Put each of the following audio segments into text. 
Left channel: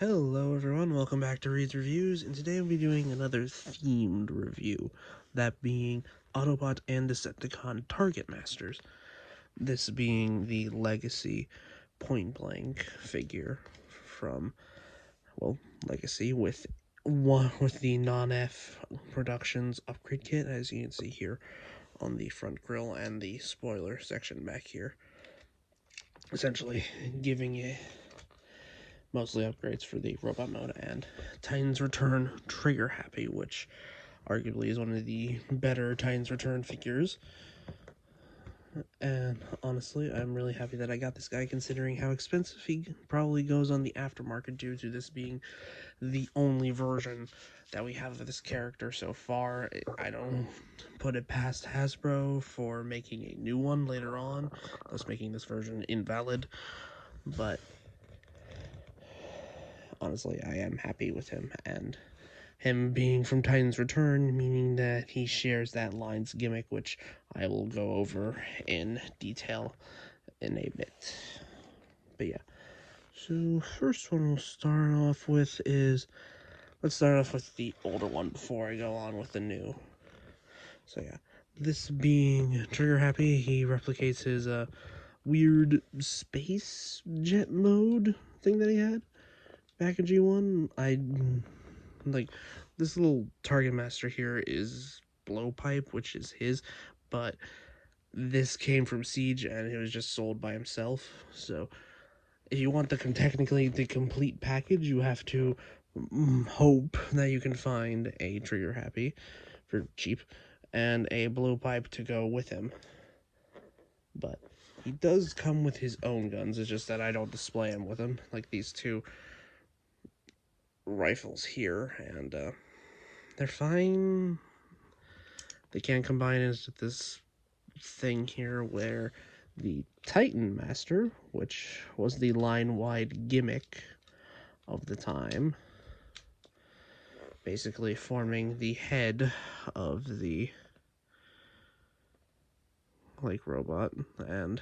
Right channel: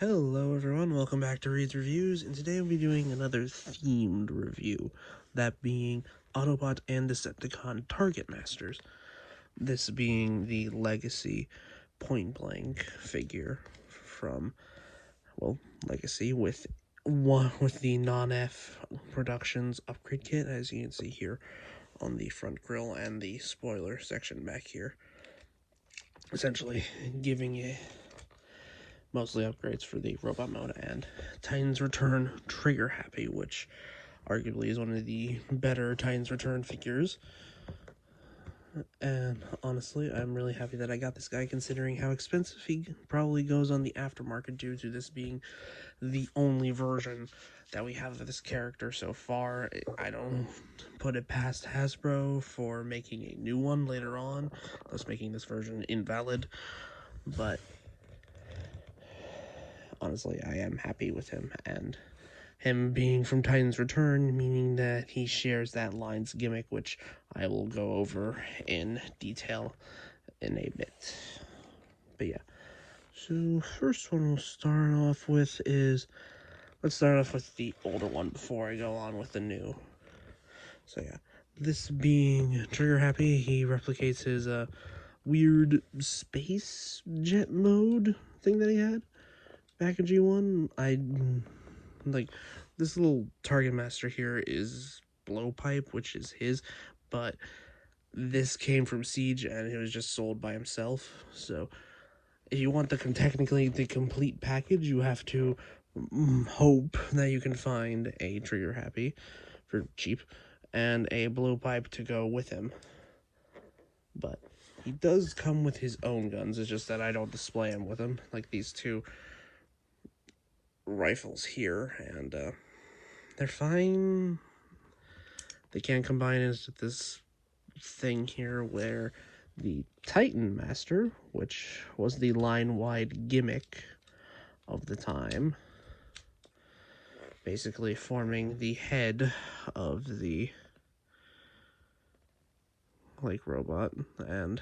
Hello everyone, welcome back to Reed's Reviews, and today we'll be doing another themed review, that being Autobot and Decepticon Target Masters. This being the Legacy Pointblank figure from, well, Legacy with the non-F Productions upgrade kit, as you can see here on the front grille and the spoiler section back here. Essentially giving it mostly upgrades for the robot mode and Titans Return Triggerhappy, which arguably is one of the better Titans Return figures. And honestly, I'm really happy that I got this guy, considering how expensive he probably goes on the aftermarket due to this being the only version that we have of this character so far. I don't put it past Hasbro for making a new one later on, thus making this version invalid, but honestly, I am happy with him, and him being from Titans Return, meaning that he shares that line's gimmick, which I will go over in detail in a bit. But yeah, so first one we'll start off with is, let's start off with the older one before I go on with the new. So yeah, this being Triggerhappy, he replicates his weird space jet mode thing that he had back in G1. I like this little target master here is Blowpipe, which is his, but this came from Siege and it was just sold by himself. So if you want technically the complete package, you have to hope that you can find a Triggerhappy for cheap and a Blowpipe to go with him. But he does come with his own guns. It's just that I don't display him with him, like these two rifles here, and they're fine. They can combine into this thing here where the Titan Master, which was the line-wide gimmick of the time, basically forming the head of the robot, and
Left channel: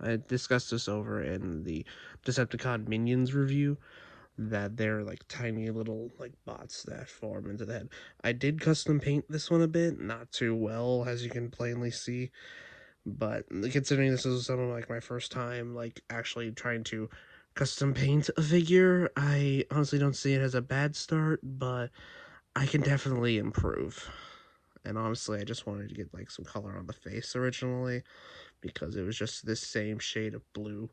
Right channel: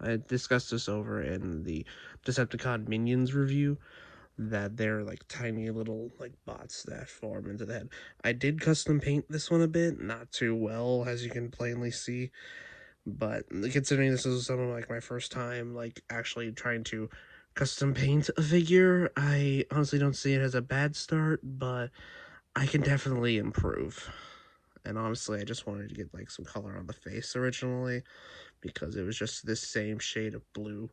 I discussed this over in the Decepticon Minions review, that they're like tiny little bots that form into the head. I did custom paint this one a bit, not too well, as you can plainly see, but considering this is something like my first time actually trying to custom paint a figure, I honestly don't see it as a bad start, but I can definitely improve. And honestly, I just wanted to get some color on the face originally, because it was just this same shade of blue.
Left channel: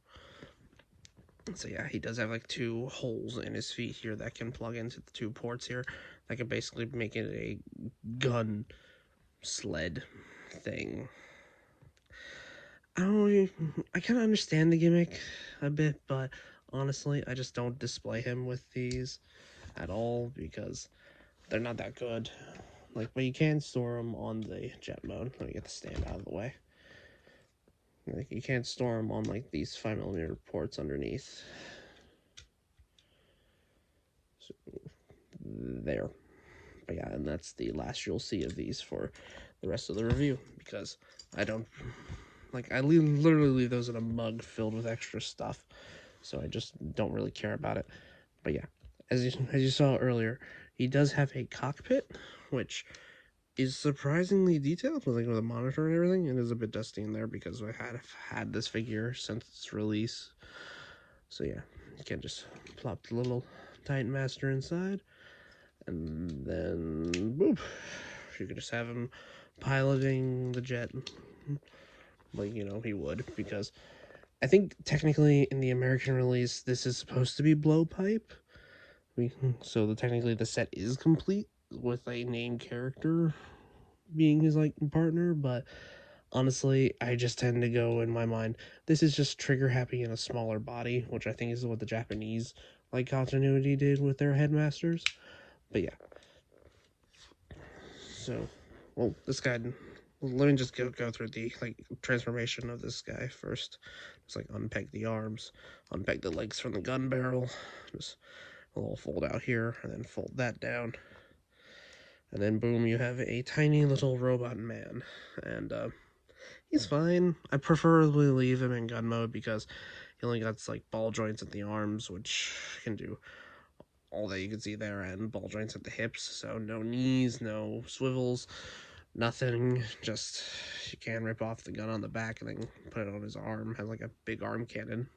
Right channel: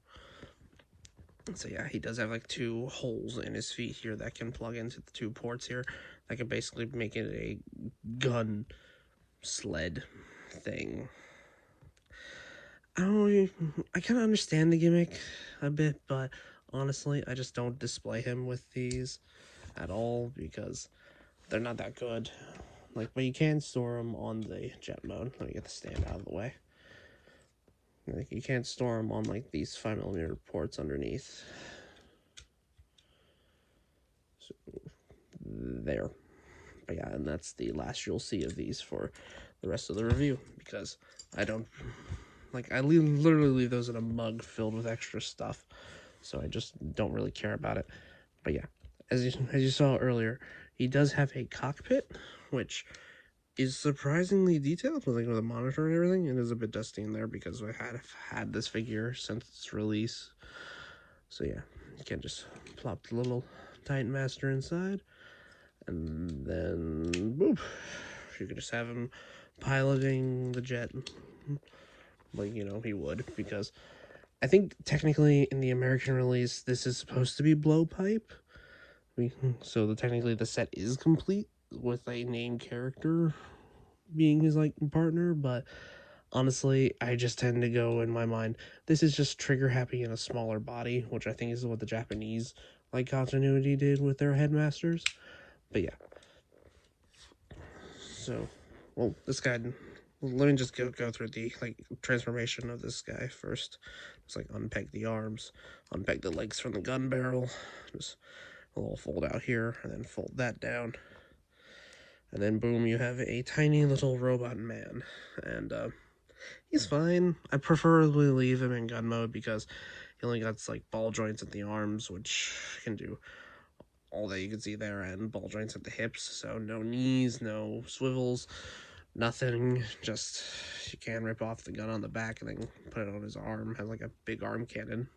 So yeah, he does have two holes in his feet here that can plug into the two ports here. That can basically make it a gun sled thing. I kind of understand the gimmick a bit, but honestly, I just don't display him with these at all because they're not that good. But you can store them on the jet mode. Let me get the stand out of the way. You can't store them on these 5mm ports underneath. So, there. But yeah, and that's the last you'll see of these for the rest of the review, because I don't I literally leave those in a mug filled with extra stuff, so I just don't really care about it. But yeah, as you saw earlier, he does have a cockpit, which is surprisingly detailed with a monitor and everything. It is a bit dusty in there because I have had this figure since its release. So yeah, you can just plop the little Titan Master inside, and then boop, you could just have him piloting the jet he would, because I think technically in the American release this is supposed to be Blowpipe. So technically the set is complete with a named character being his partner, but honestly, I just tend to go in my mind, this is just Triggerhappy in a smaller body, which I think is what the Japanese continuity did with their headmasters. But yeah. So, well, this guy, let me just go through the transformation of this guy first. Just unpeg the arms, unpeg the legs from the gun barrel, just a little fold out here, and then fold that down. And then boom, you have a tiny little robot man. And he's fine. I preferably leave him in gun mode because he only got ball joints at the arms, which can do all that you can see there, and ball joints at the hips, so no knees, no swivels, nothing. Just, you can rip off the gun on the back and then put it on his arm, have like a big arm cannon.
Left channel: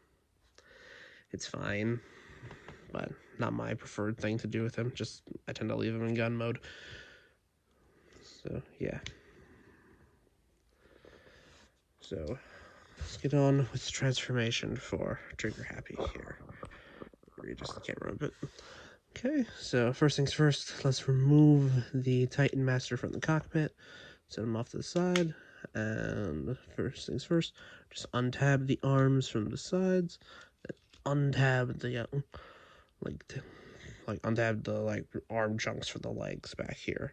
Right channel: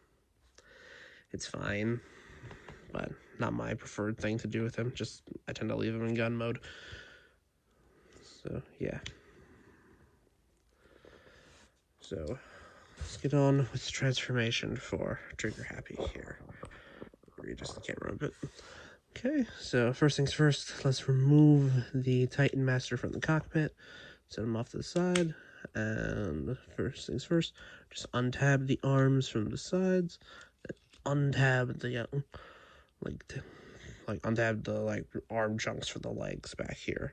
It's fine, but not my preferred thing to do with him. Just, I tend to leave him in gun mode. So, yeah. So, let's get on with the transformation for Triggerhappy here. Readjust the camera a bit. Okay, so first things first, let's remove the Titan Master from the cockpit, set him off to the side, and first things first, just untab the arms from the sides, untab the, untab the, arm chunks for the legs back here.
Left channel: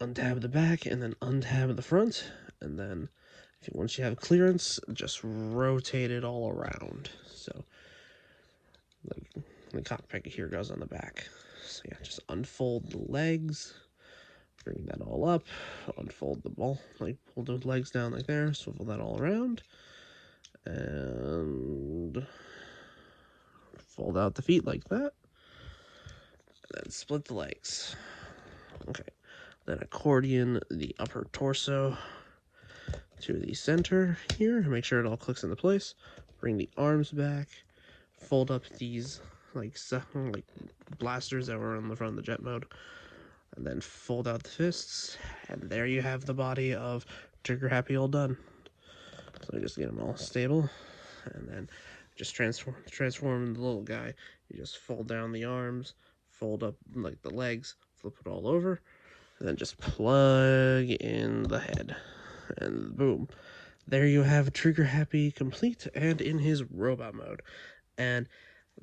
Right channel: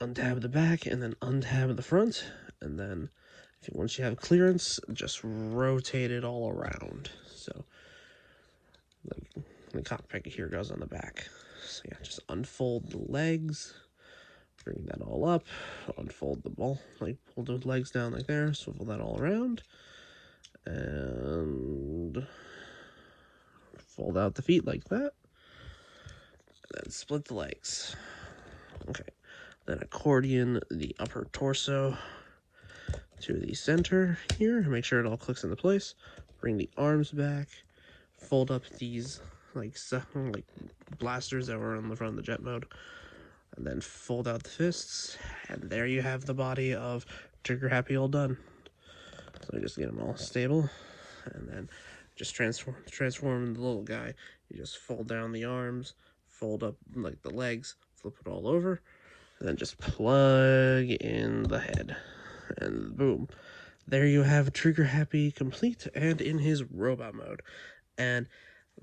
Untab the back, and then untab the front, and then, once you have clearance, just rotate it all around, so, the cockpit here goes on the back. So yeah, just unfold the legs, bring that all up, unfold the ball, pull those legs down like there, swivel that all around, and fold out the feet like that, and then split the legs. Okay, then accordion the upper torso to the center here, make sure it all clicks into place, bring the arms back, fold up these like blasters that were on the front of the jet mode, and then fold out the fists, and there you have the body of Triggerhappy all done. So just get them all stable, and then just transform the little guy. You just fold down the arms, fold up the legs, flip it all over, and then just plug in the head, and boom, there you have Triggerhappy complete and in his robot mode. And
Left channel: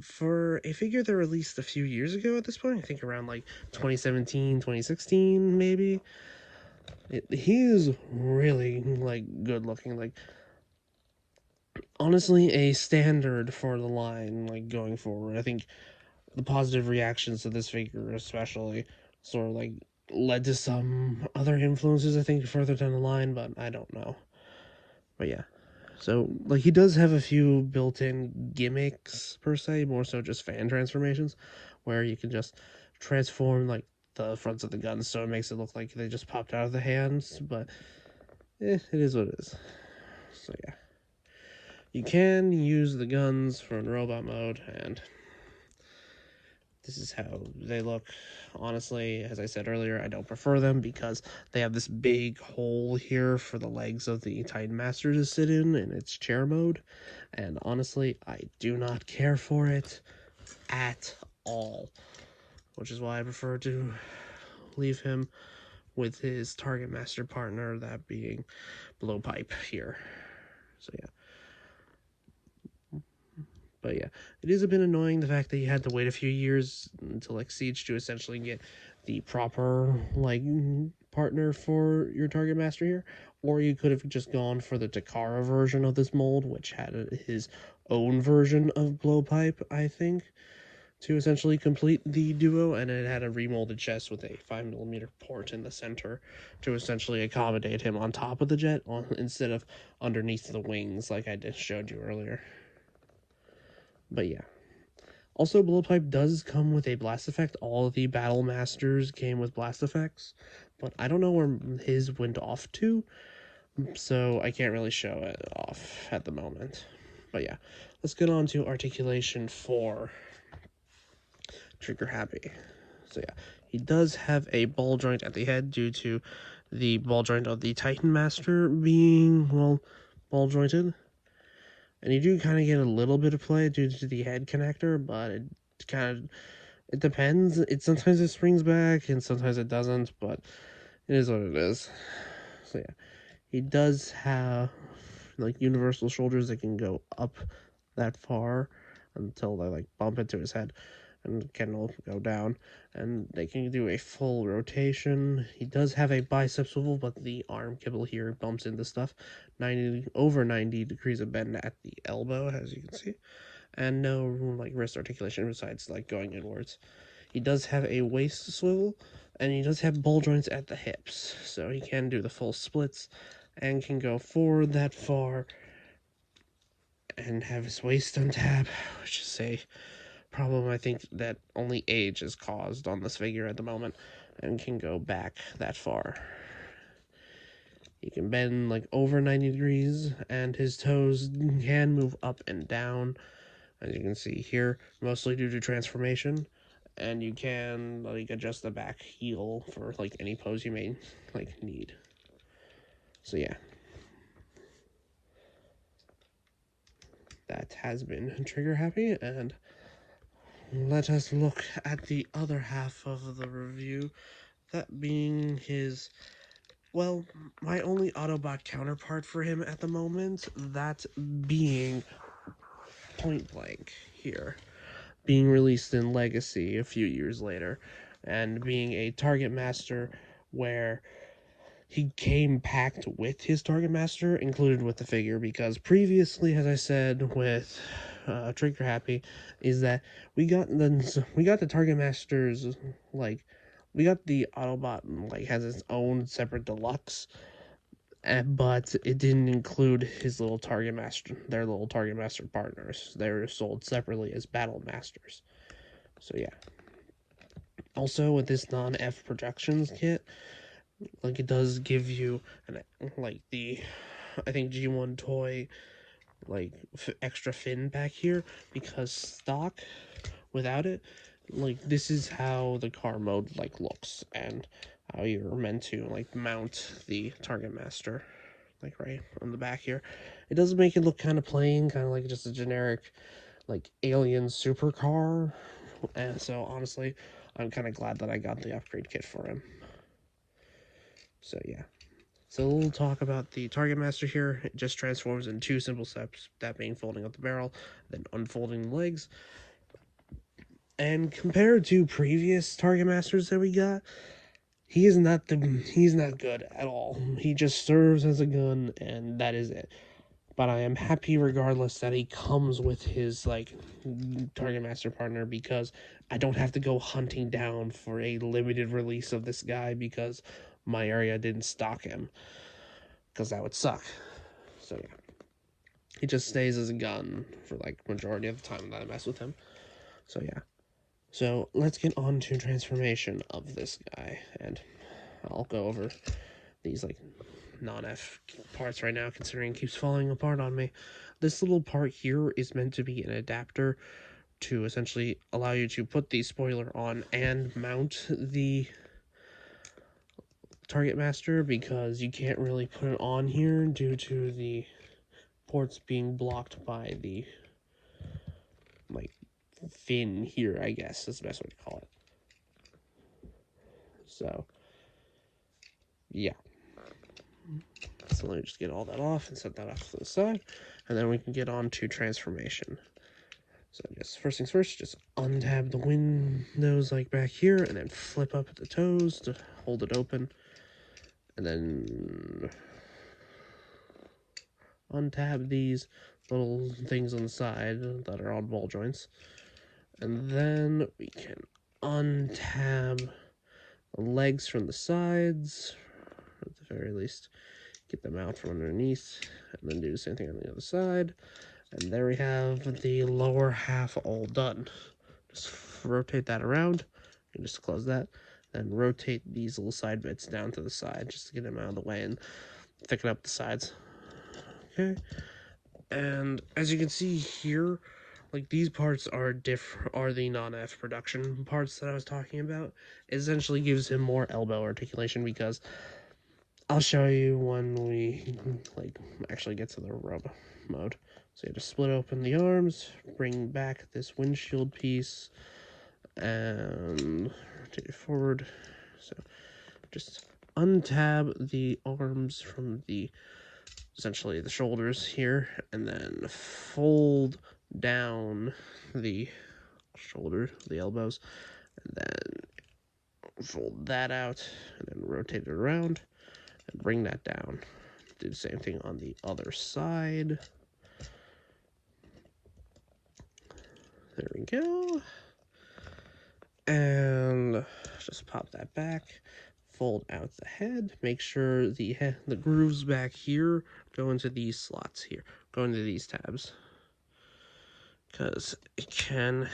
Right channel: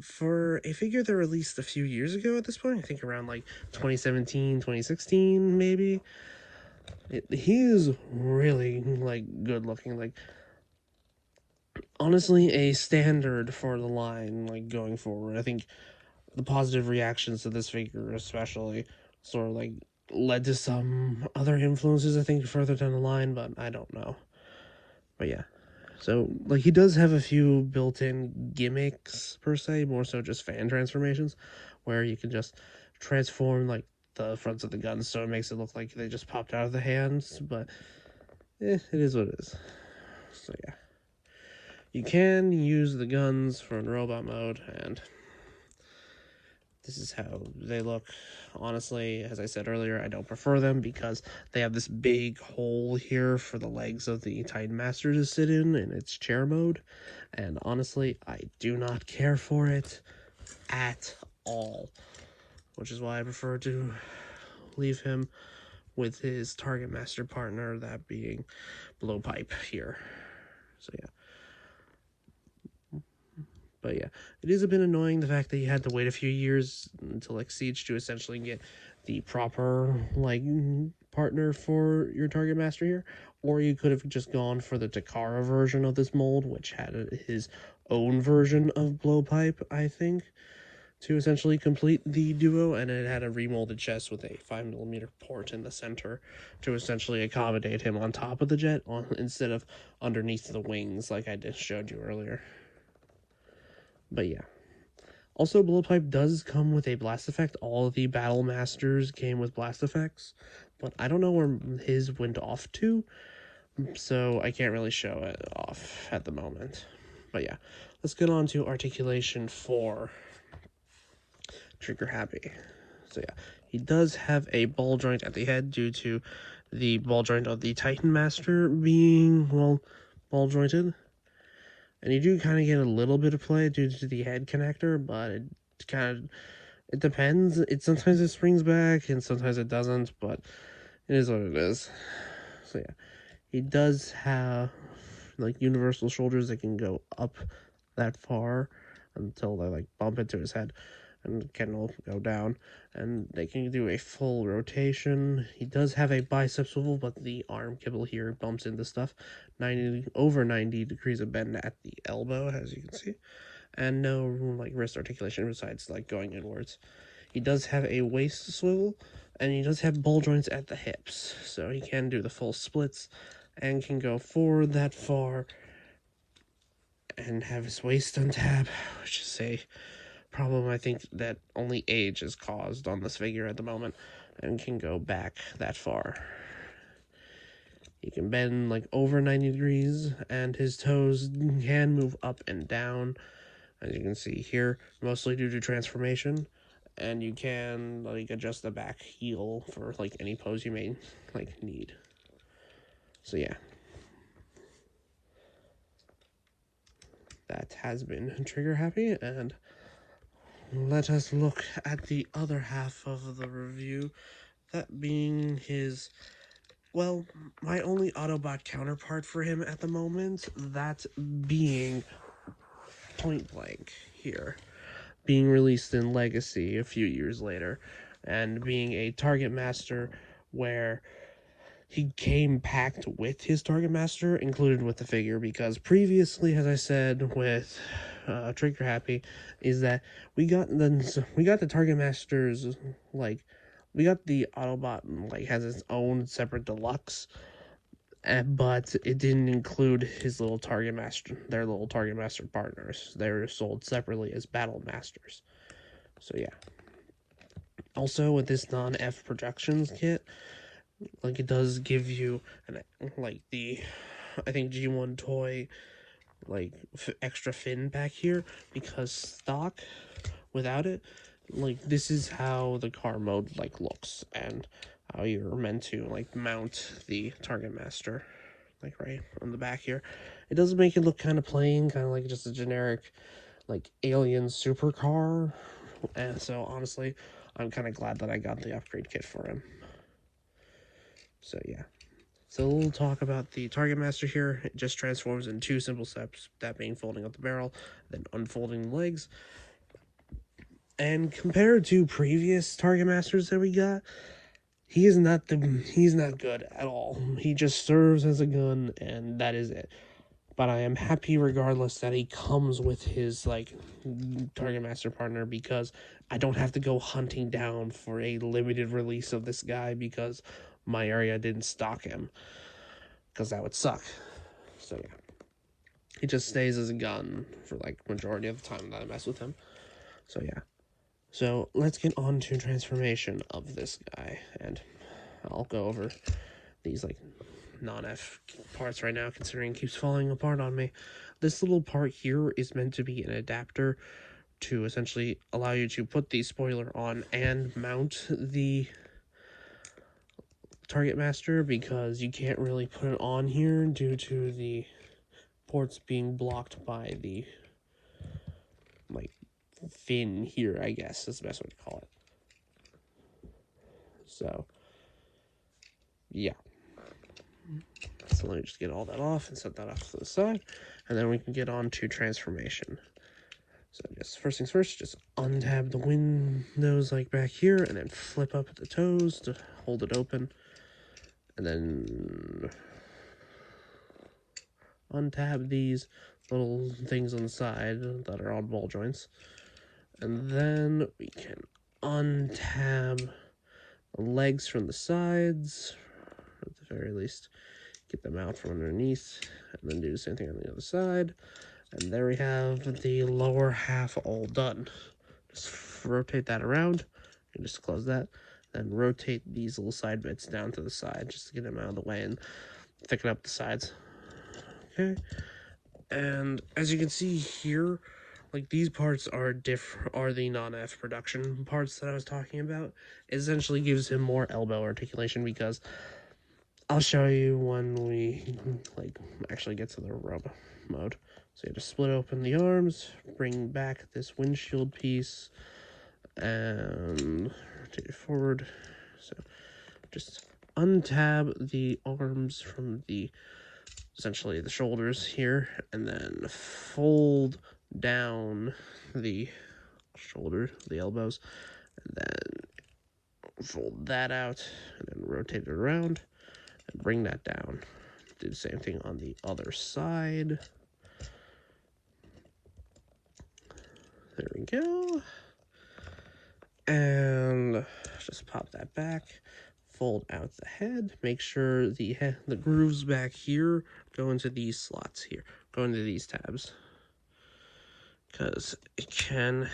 for a figure that released a few years ago at this point, I think around 2017, 2016 maybe, he is really good looking. Honestly, a standard for the line going forward. I think the positive reactions to this figure especially sort of led to some other influences, I think, further down the line, but I don't know. But yeah. So, he does have a few built-in gimmicks, per se, more so just fan transformations, where you can just transform, the fronts of the guns, so it makes it look like they just popped out of the hands, but it is what it is. So, yeah. You can use the guns from robot mode, and this is how they look. Honestly, as I said earlier, I don't prefer them because they have this big hole here for the legs of the Titan Master to sit in its chair mode, and honestly, I do not care for it at all, which is why I prefer to leave him with his Target Master partner, that being Blowpipe here. So yeah. But yeah, it is a bit annoying, the fact that you had to wait a few years until Siege to essentially get the proper partner for your Target Master here, or you could have just gone for the Takara version of this mold, which had his own version of Blowpipe, I think, to essentially complete the duo, and it had a remolded chest with a 5mm port in the center to essentially accommodate him on top of the jet instead of underneath the wings like I just showed you earlier. But yeah. Also, Blowpipe does come with a blast effect. All of the Battle Masters came with blast effects, but I don't know where his went off to, so I can't really show it off at the moment. But yeah, let's get on to articulation for Triggerhappy. So yeah, he does have a ball joint at the head due to the ball joint of the Titan Master being, ball jointed. And you do kind of get a little bit of play due to the head connector, but it depends. Sometimes it springs back, and sometimes it doesn't, but it is what it is. So yeah, he does have, universal shoulders that can go up that far until they, bump into his head, and can go down, and they can do a full rotation. He does have a bicep swivel, but the arm kibble here bumps into stuff. Over 90 degrees of bend at the elbow, as you can see, and no wrist articulation besides going inwards. He does have a waist swivel, and he does have ball joints at the hips, so he can do the full splits and can go forward that far and have his waist on tab, which is a problem I think that only age has caused on this figure at the moment, and can go back that far. He can bend like over 90 degrees, and his toes can move up and down, as you can see here, mostly due to transformation. And you can like adjust the back heel for like any pose you may like need. So yeah, that has been Triggerhappy, and let us look at the other half of the review, that being his, well, my only Autobot counterpart for him at the moment, that being Pointblank here, being released in Legacy a few years later, and being a Target Master where he came packed with his Target Master included with the figure, because previously, as I said with Triggerhappy, is that we got the Target Masters, like, we got the Autobot, like, has its own separate deluxe, but it didn't include his little Target Master, their little Target Master partners. They were sold separately as Battle Masters. So yeah. Also, with this non-F Productions kit, like, it does give you like the, I think, G1 toy like extra fin back here, because stock without it, like, this is how the car mode like looks, and how you're meant to like mount the Target Master, like right on the back here. It does make it look kind of plain, kind of like just a generic like alien supercar, and so honestly, I'm kind of glad that I got the upgrade kit for him. So yeah. So we'll talk about the Target Master here. It just transforms in 2 simple steps, that being folding up the barrel, then unfolding the legs. And compared to previous Target Masters that we got, he's not good at all. He just serves as a gun, and that is it. But I am happy regardless that he comes with his like Target Master partner, because I don't have to go hunting down for a limited release of this guy because my area didn't stock him, because that would suck. So yeah, he just stays as a gun for like majority of the time that I mess with him. So yeah, so let's get on to transformation of this guy, and I'll go over these like non-F parts right now, considering it keeps falling apart on me. This little part here is meant to be an adapter to essentially allow you to put the spoiler on and mount the Target Master, because you can't really put it on here due to the ports being blocked by the like fin here, I guess is the best way to call it. So yeah, so let me just get all that off and set that off to the side, and then we can get on to transformation. So just first things first, just untab the windows like back here, and then flip up the toes to hold it open, and then untab these little things on the side that are on ball joints, and then we can untab the legs from the sides, at the very least get them out from underneath, and then do the same thing on the other side. And there we have the lower half all done. Just rotate that around, and just close that, and rotate these little side bits down to the side just to get them out of the way and thicken up the sides. Okay, and as you can see here, like, these parts are the non-F production parts that I was talking about. It essentially gives him more elbow articulation, because I'll show you when we like actually get to the rub mode. So you just split open the arms, bring back this windshield piece, and rotate it forward. So just untab the arms from the, essentially the shoulders here, and then fold down the shoulder, the elbows, and then fold that out, and then rotate it around, and bring that down. Do the same thing on the other side. There we go. And just pop that back, fold out the head, make sure the grooves back here go into these slots here, go into these tabs, because it can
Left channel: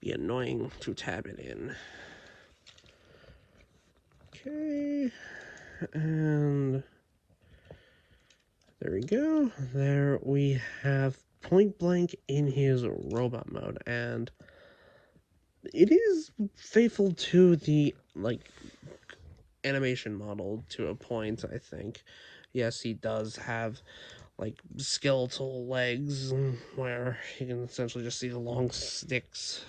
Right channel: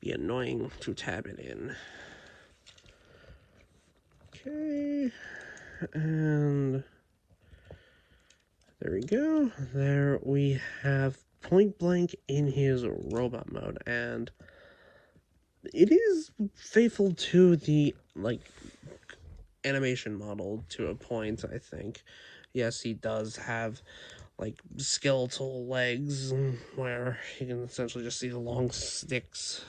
be annoying to tab it in. Okay, and there we go. There we have Pointblank in his robot mode, and it is faithful to the, like, animation model to a point, I think. Yes, he does have, like, skeletal legs, where you can essentially just see the long sticks,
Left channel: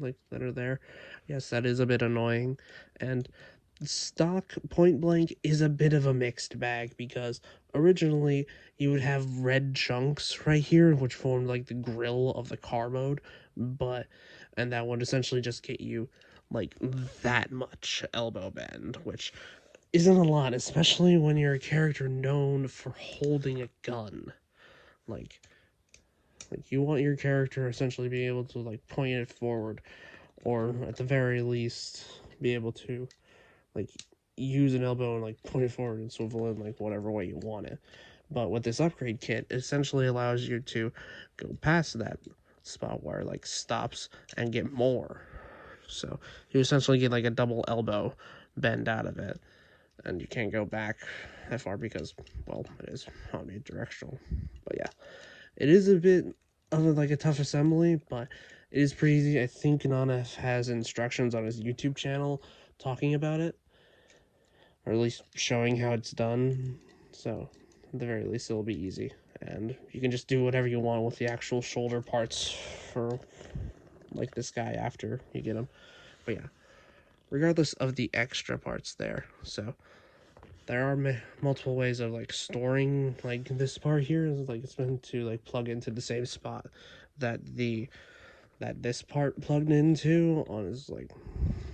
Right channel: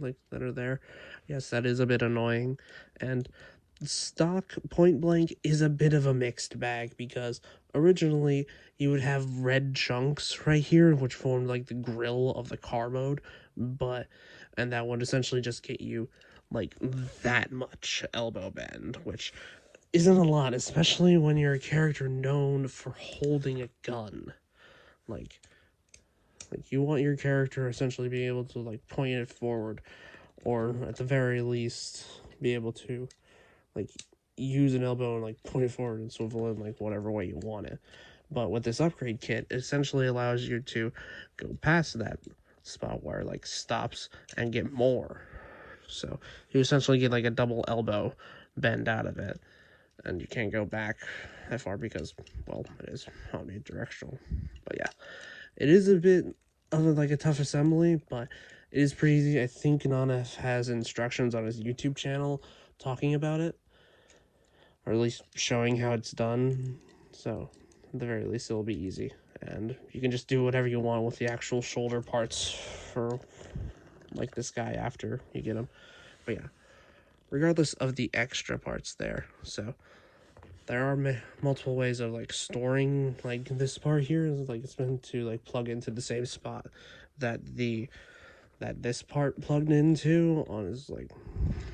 like, that are there. Yes, that is a bit annoying, and stock Pointblank is a bit of a mixed bag, because originally you would have red chunks right here, which formed like the grill of the car mode, and that would essentially just get you like that much elbow bend, which isn't a lot, especially when you're a character known for holding a gun. Like you want your character essentially being able to like point it forward, or at the very least be able to like use an elbow and like point it forward and swivel in like whatever way you want it. But with this upgrade kit, it essentially allows you to go past that spot where it like stops and get more. So you essentially get like a double elbow bend out of it, and you can't go back that far because, well, it is omnidirectional. But yeah, it is a bit of like a tough assembly, but it is pretty easy. I think Nana has instructions on his YouTube channel talking about it, or at least showing how it's done. So at the very least, it'll be easy, and you can just do whatever you want with the actual shoulder parts for like this guy after you get him. But yeah, regardless of the extra parts there, so there are multiple ways of like storing like this part here. Like it's meant to like plug into the same spot that this part plugged into on his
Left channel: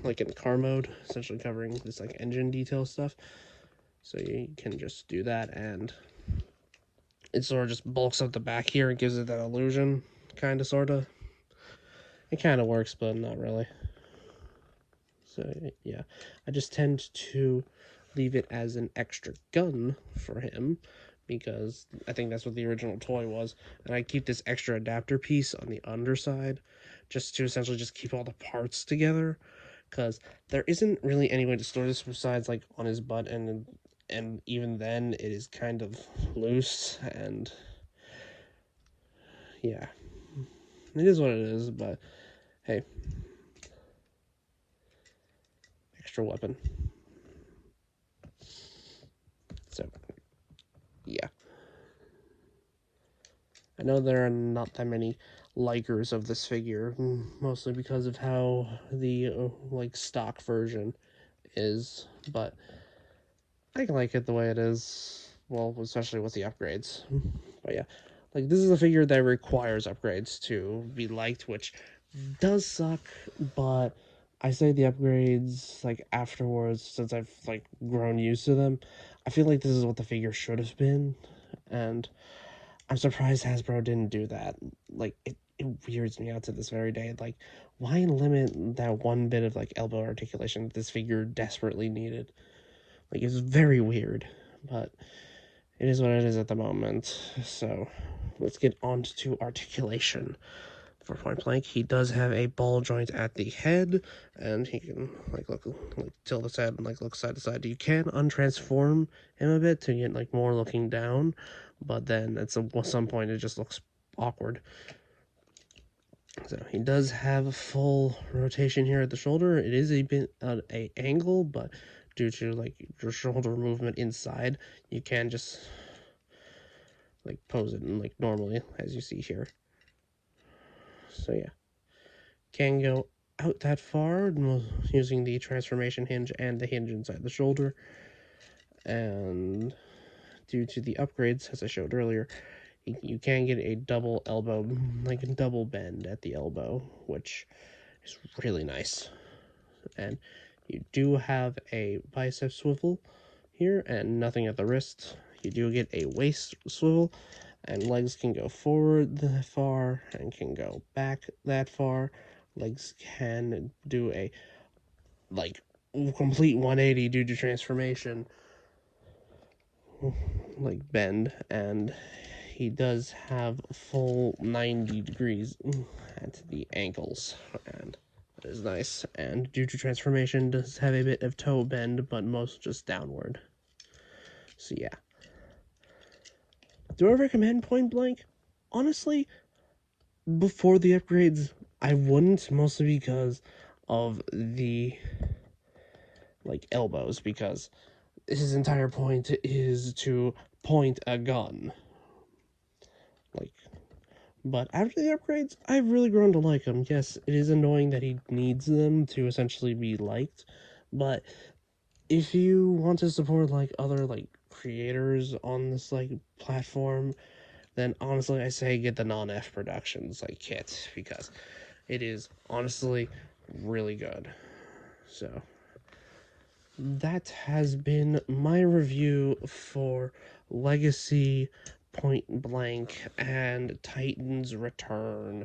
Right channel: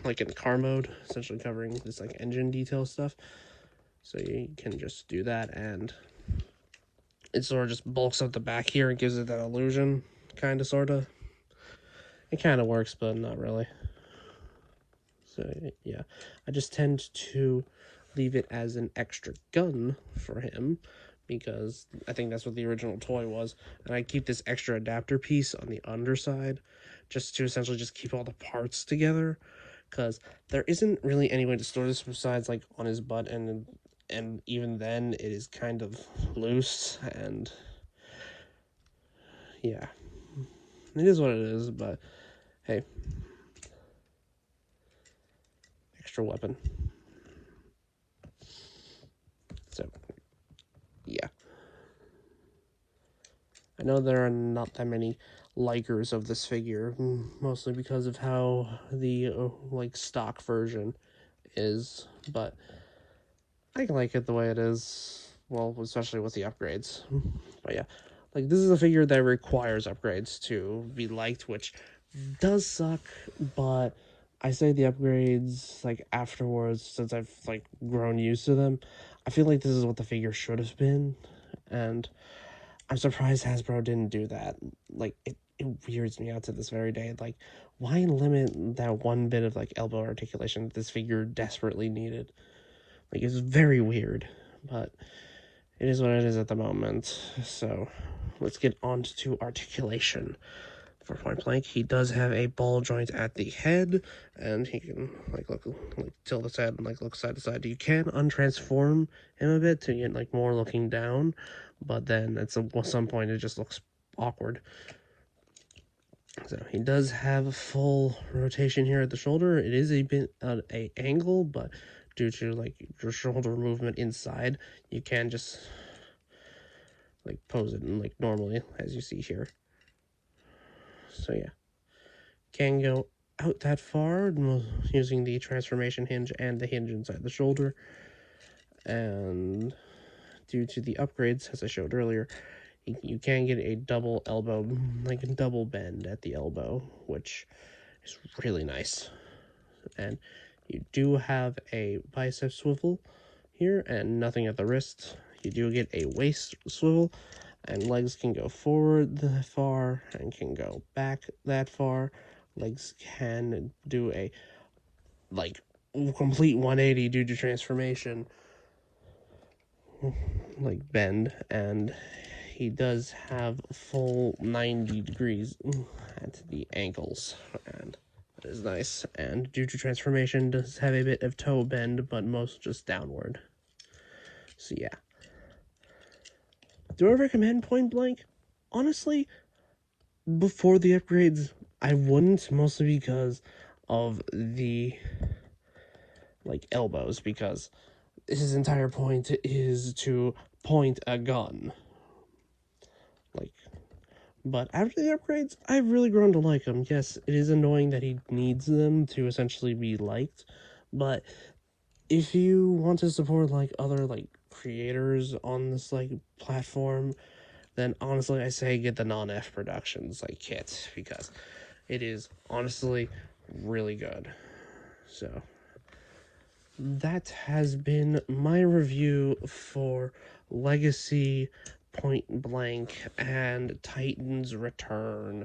like in car mode, essentially covering this like engine detail stuff. So you can just do that, and it sort of just bulks up the back here and gives it that illusion, kind of, sort of. It kind of works, but not really. So yeah, I just tend to leave it as an extra gun for him, because I think that's what the original toy was, and I keep this extra adapter piece on the underside just to essentially just keep all the parts together, because there isn't really any way to store this besides like on his butt, and even then it is kind of loose, and yeah, it is what it is. But hey, extra weapon. So yeah, I know there are not that many likers of this figure, mostly because of how the like stock version is, but I like it the way it is. Well, especially with the upgrades. But yeah, like this is a figure that requires upgrades to be liked, which does suck, but I say the upgrades like afterwards, since I've like grown used to them. I feel like this is what the figure should have been, and I'm surprised Hasbro didn't do that. Like it weirds me out to this very day. Like, why limit that one bit of like elbow articulation that this figure desperately needed? Like, it's very weird, but it is what it is at the moment. So let's get on to articulation. For Pointblank, he does have a ball joint at the head, and he can like tilt his head and like look side to side. You can untransform him a bit to get like more looking down, but then at some point it just looks awkward. So he does have a full rotation here at the shoulder. It is a bit on a angle, but due to like your shoulder movement inside, you can just like pose it in like normally, as you see here. So yeah, can go out that far using the transformation hinge and the hinge inside the shoulder. And due to the upgrades, as I showed earlier, you can get a double elbow, like a double bend at the elbow, which is really nice. And you do have a bicep swivel here and nothing at the wrist. You do get a waist swivel, and legs can go forward that far and can go back that far. Legs can do a like complete 180 due to transformation, like bend, and he does have full 90 degrees at the ankles, and that is nice. And due to transformation, does have a bit of toe bend, but most just downward. So yeah. Do I recommend Pointblank? Honestly, before the upgrades, I wouldn't, mostly because of the elbows, because his entire point is to point a gun. But after the upgrades, I've really grown to like him. Yes, it is annoying that he needs them to essentially be liked, but if you want to support other creators on this platform, then honestly I say get the non-F Productions kit, because it is honestly really good. So that has been my review for Legacy, Pointblank, and Titan's Return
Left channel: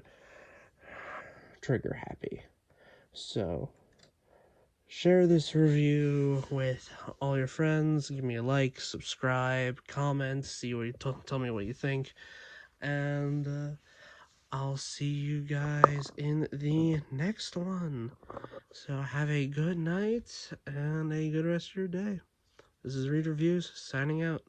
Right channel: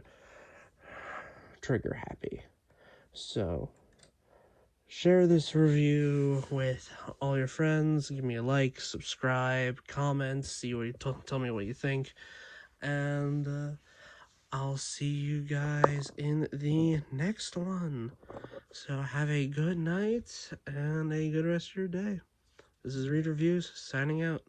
Triggerhappy. So share this review with all your friends. Give me a like, subscribe, comment, tell me what you think, and I'll see you guys in the next one. So have a good night and a good rest of your day. This is Read Reviews signing out.